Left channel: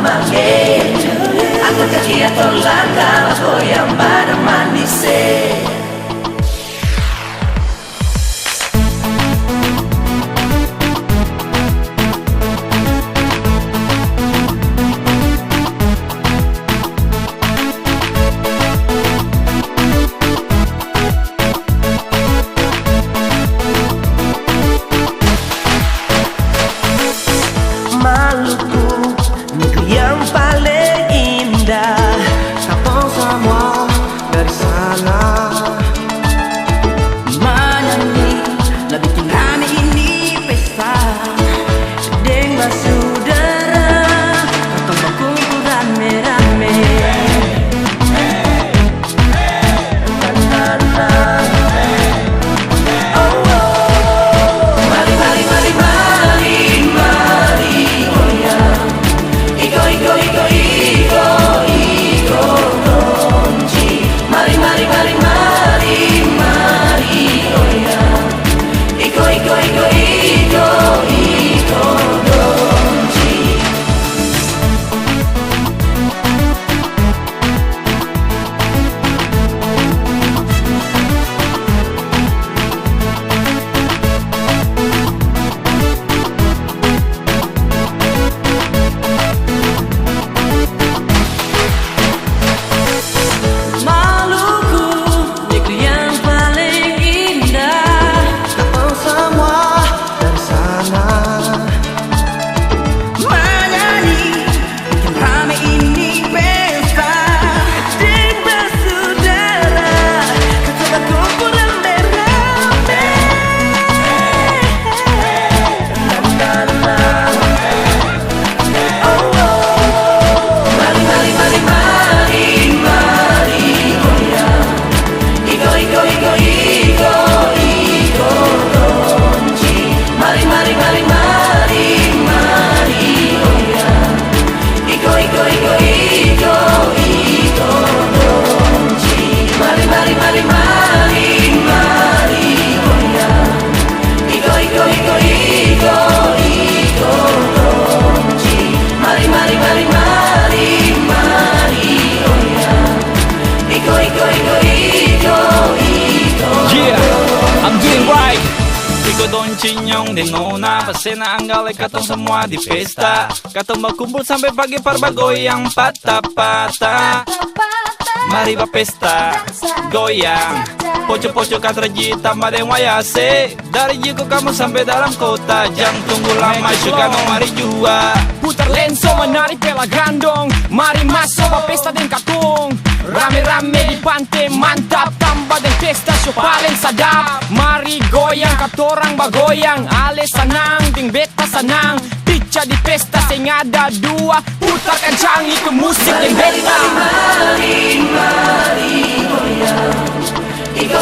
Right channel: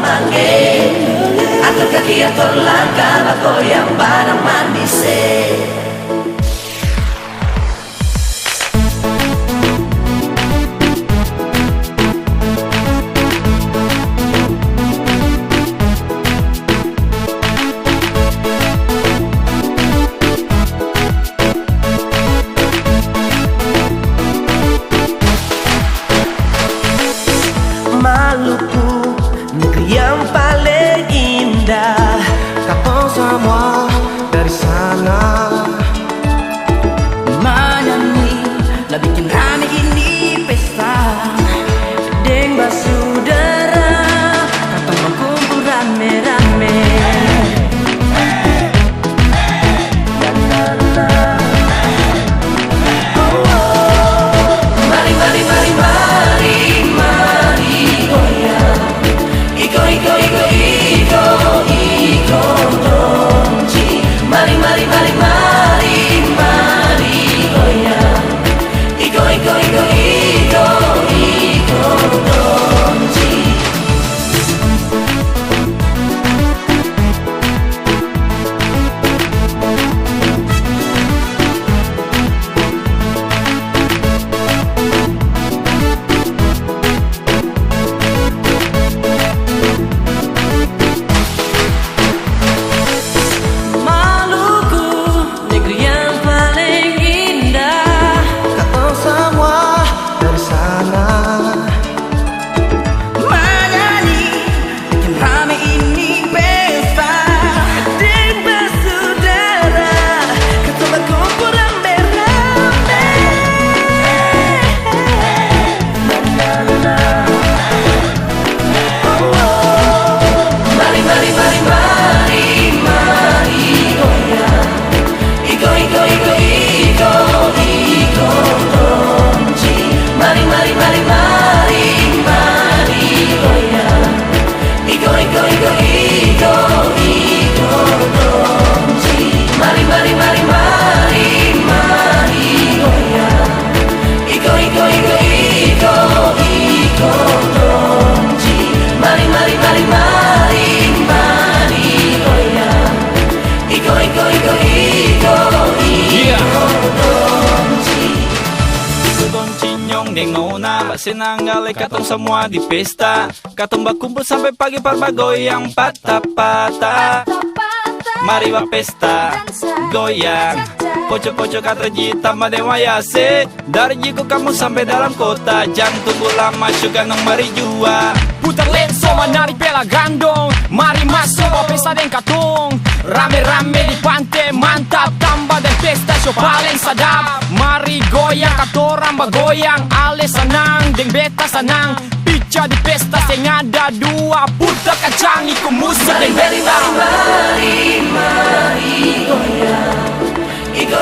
manggil. Angkat kaki atau langkah, goyang bareng manis. Maluku, negeri yang paling indah. Pense à moi dari sana. Menyanyi, lah bikin rame ini pesta. Deng basudara, katong berkumpul rame-rame. Senang katong semua di pesta. Katong berkumpul sampai pagi goyang patah-patah. Mari pesta goyang. Pojok-pojok katra jita madewayase. Dari jiku kamu sampai dalam kota. Jangan tunggu lama juga no mari jua. Putar lenso dari pela gandong. Mari masuk pesta den katong. Rame-rame di pantai mantap. Tambah di pesta so paling sadap. Mari goyang katorang bagoyang. Ale senang ding beta senang. Pica di pesta sing ada dua. Putar kencang ikut musik ding beta. Mari goyang. Iko